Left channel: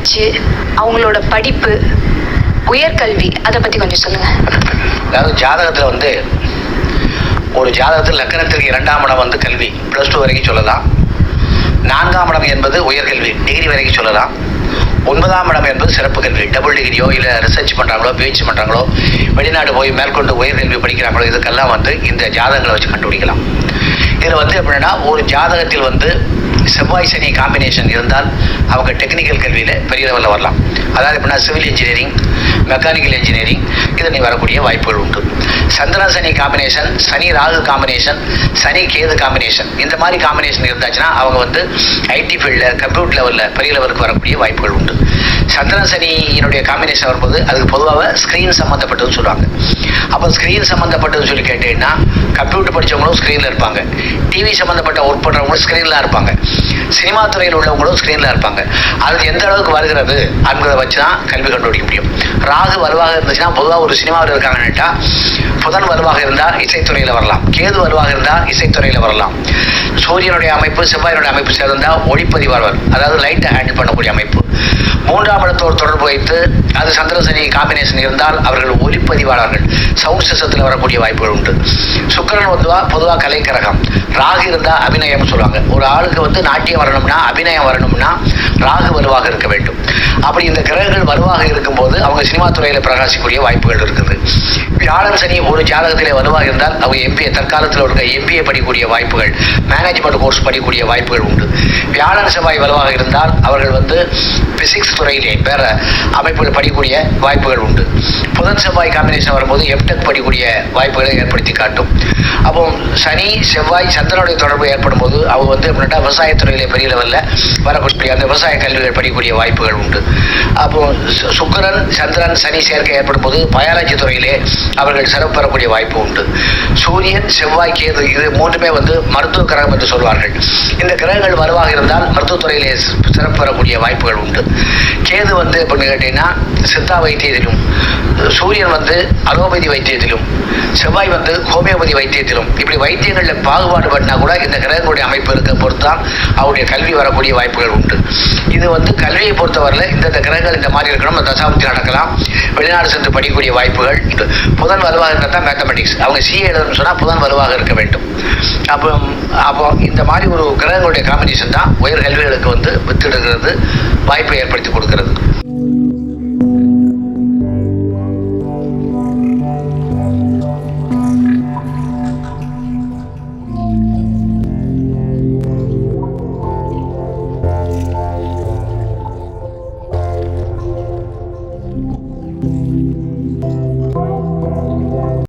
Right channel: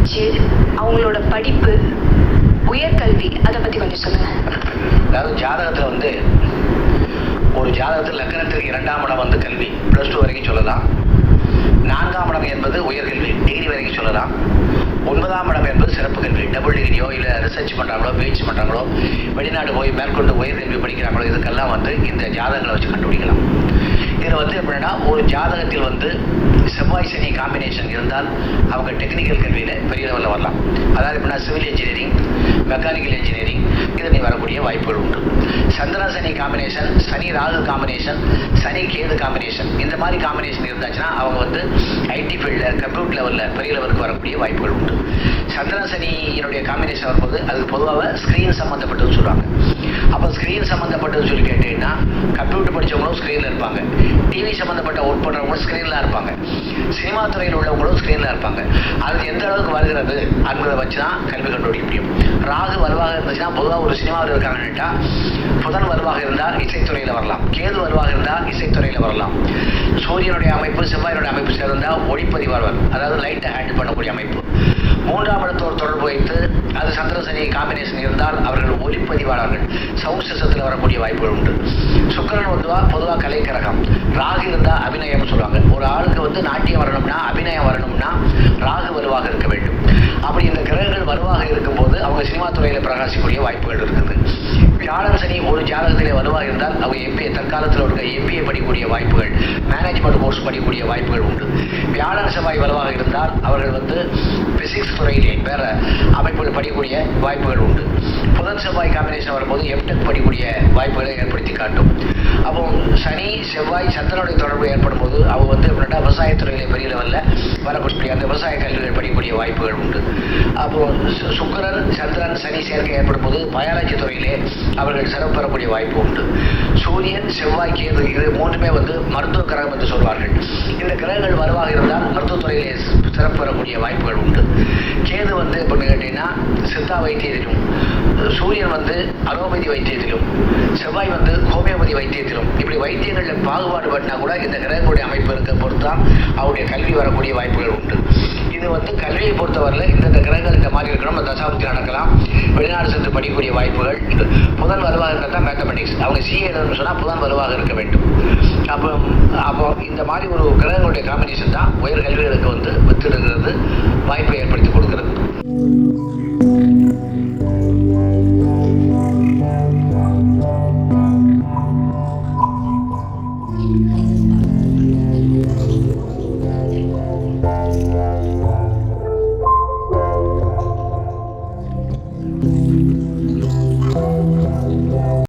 பேச்சு, அவங்களோட படிப்பு, உயர்கல்வி, அதை பத்தி கொஞ்சம் சொல்லுங்க. அதாவது ஜாதகத்தில் ஒரு ஜாதகத்தில் லக்னத்திற்கு 2ஆம் இடம் கல்வி +2 வரைக்கும் சொல்லலாம். 4ஆம் இடம் என்பது உயர்கல்வி டிகிரி வரைக்கும் சொல்லலாம். 9ஆம் இடம் என்பது சிறப்பு கல்வி, டபுள் டிகிரியோ இல்லை ரிசர்ச் பண்ணுறாங்களோ பிஹெச்டி பண்ணுறாங்களோ வெளிநாடு போய் மேற்கொண்டு உயர்கல்வி படிக்கிறாங்களோ இதுக்கெல்லாம் இந்த ஜாதகங்களை வச்சு கண்டுபிடிக்கலாம். இதில் எப்படின்னா ஒரு ஜாதகத்தில் செவ்வாய் சனி காம்பினேஷன் இருந்தால் அவங்க டெக்னிக்கல் கல்வியில் பெரிய லெவலில் வரலாம். அதாவது எப்படின்னா சிவில் இன்ஜினியரிங், மெக்கானிக்கல் இன்ஜினியரிங் இதில் வரக்கூடிய வாய்ப்புகள் உண்டு. சந்திரன் சனி காம்பினேஷன், சனி ராகு காம்பினேஷன், சனி கேது காம்பினேஷன், இந்த மாதிரி காம்பினேஷன் இருந்தாச்சுன்னா அவங்க ஐடி ஃபீல்டில் கம்ப்யூட்டர் லெவலில் பெரிய லெவலுக்கு வரக்கூடிய வாய்ப்புகள் உண்டு. சந்திரன் சனியினுடைய காம்பினேஷன் வரும்போது அதுக்கு பொதுவாக ஸ்க்ரீன் சம்மந்தப்பட்டதுன்னு சொல்லுவாங்க. அப்போ ஸ்க்ரீன் சம்மந்தப்பட்டதுன்னு சொல்லி கேட்டீங்கன்னா கம்ப்யூட்டர் படித்தவங்களும் ஸ்க்ரீனில் இருப்பாங்க, டிவி சம்மந்தப்பட்ட ஒர்க் பண்ணுறவங்களும் ஸ்க்ரீனில் இருப்பாங்க, சினிமா துறையில் உள்ளவங்களும் ஸ்க்ரீனில் இருப்பாங்க. அது எந்த அளவுக்கு வருகிறது அப்படின்றத வச்சு தான் கல்வி கண்டுபிடிக்க முடியும். ராகு வலுவாக இருந்துச்சுன்னா பொதுவாக ஒரு சினிமாவில் இருக்காங்கன்னுட்டா புதன் வலுவாக இருந்தால் இசைத்துறையில் வரலாம், கேது வலுவாக இருந்தால் இசைத்துறையில் வரலாம். சூரியனுடைய அமைப்பு செவ்வாயினுடைய அமைப்பு சேர்ந்தால் ஒளிப்பதிவாளர், அதாவது லைட்டை ஹேண்டில் பண்ணக்கூடிய அமைப்பு. 3ஆம் இடத்தோடு தொடர்பு வைத்து அது சந்திர சனி காம்பினேஷன் இருந்தால் அவர்கள் ஒளிப்பதிவாளர்கள், சவுண்ட் சிஸ்டத்தில் வரக்கூடிய வாய்ப்புகள் உண்டு. சுக்கிரன் பொதுவாக கலைக்கரகம், ராகு இருந்தால் அபிநயம் சொல்லுவாங்க. ஒரு ஆளுக்கு நாட்டியம் வரணும்னா அபிநயம் வரணும்னா ராகு வலுவாக இருக்க வேண்டும். அப்படி இந்த கிரகங்கள் வலுவாக இருக்கும்போது அவங்க சினிமா துறையில் பிரகாசிக்கக்கூடிய வாய்ப்புகள் இருக்குது. வியாழன் சனி ஒரு ஜாதகத்திலே வலுவாக இருந்தால் அவங்க எம்பிஏ தற்காலத்தில் இருக்க எம்பிஏ படிக்கக்கூடிய வாய்ப்புகள், மேனேஜ்மெண்ட் கோர்ஸ் படிக்கக்கூடிய வாய்ப்புகள் உண்டு. வியாழன் செவ்வாய் வலுவாக இருந்தால் அவர்கள் பிசிக்ஸ் துறையிலே வேற அமைப்புகள் படிக்கக்கூடிய வாய்ப்புகள் உண்டு. புதன் செவ்வாய் காம்பினேஷன் வரும்போது எம்டெக் படிக்கக்கூடிய வாய்ப்புகளை ஏற்படுத்தி காட்டும். அப்போ சனி செவ்வாய் சந்திரனுடைய தொடர்பு ஏற்படும் போது அவங்க எப்படின்னா விவசாயத்துறையிலே பெரிய லெவலில் வரக்கூடிய அந்த விவசாய கல்விகள் படிக்கக்கூடிய வாய்ப்புகள் உண்டு. அப்போ சுக்கிரன் சந்திரன் சனி சேர்க்கை ஏற்படும் போது பயாலஜி துறையிலே அவர்கள் சிறப்பு பெறக்கூடிய வாய்ப்பு உண்டு. சூரியன் செவ்வாய் கேது இது மூன்றுமே மருத்துவ கிரகம் என்று சொல்வார்கள். இந்த கிரகங்கள் வலுவாக இருந்தால் மருத்துவத்துறையிலே சிறப்பு பெறக்கூடிய வாய்ப்புகள் உண்டு. கேது எப்படின்னு கேட்டீங்கன்னா சித்தா வைத்தியத்திலும், சூரியன் அலோபதி வைத்தியத்திலும், செவ்வாய் ஹோமியோபதி வைத்தியத்திலும், இப்படி வைத்தியங்களில் பாகுபாடு பண்ணா கூட இந்த கிரகங்களுடைய அமைப்பு இருக்க பொறுத்து தான் அவருடைய கல்வி வரக்கூடிய வாய்ப்புகள் உண்டு. இது கல்வியை பொறுத்தவரையில் இந்த கிரகங்கள் இந்த மாதிரி இருக்கணும், தசாபுத்தி நடக்கலாம், வெளிநாடு சென்று படிக்கக்கூடிய வாய்ப்புகள் உண்டு. புதன் வலுவாக இருந்தால் தான் மேத்தமெட்டிக்ஸ், அவங்க சிஏ எழுதணும்னு சொன்னால் புதன் வலுவாக இருக்க வேண்டும். அப்போ இந்த மாதிரி ஒரு கிரகங்களுடைய காம்பினேஷன் தான் உயர் கல்விகளுக்கு வித்திடுகிறது, வாய்ப்பை ஏற்படுத்தி கொடுக்கிறது.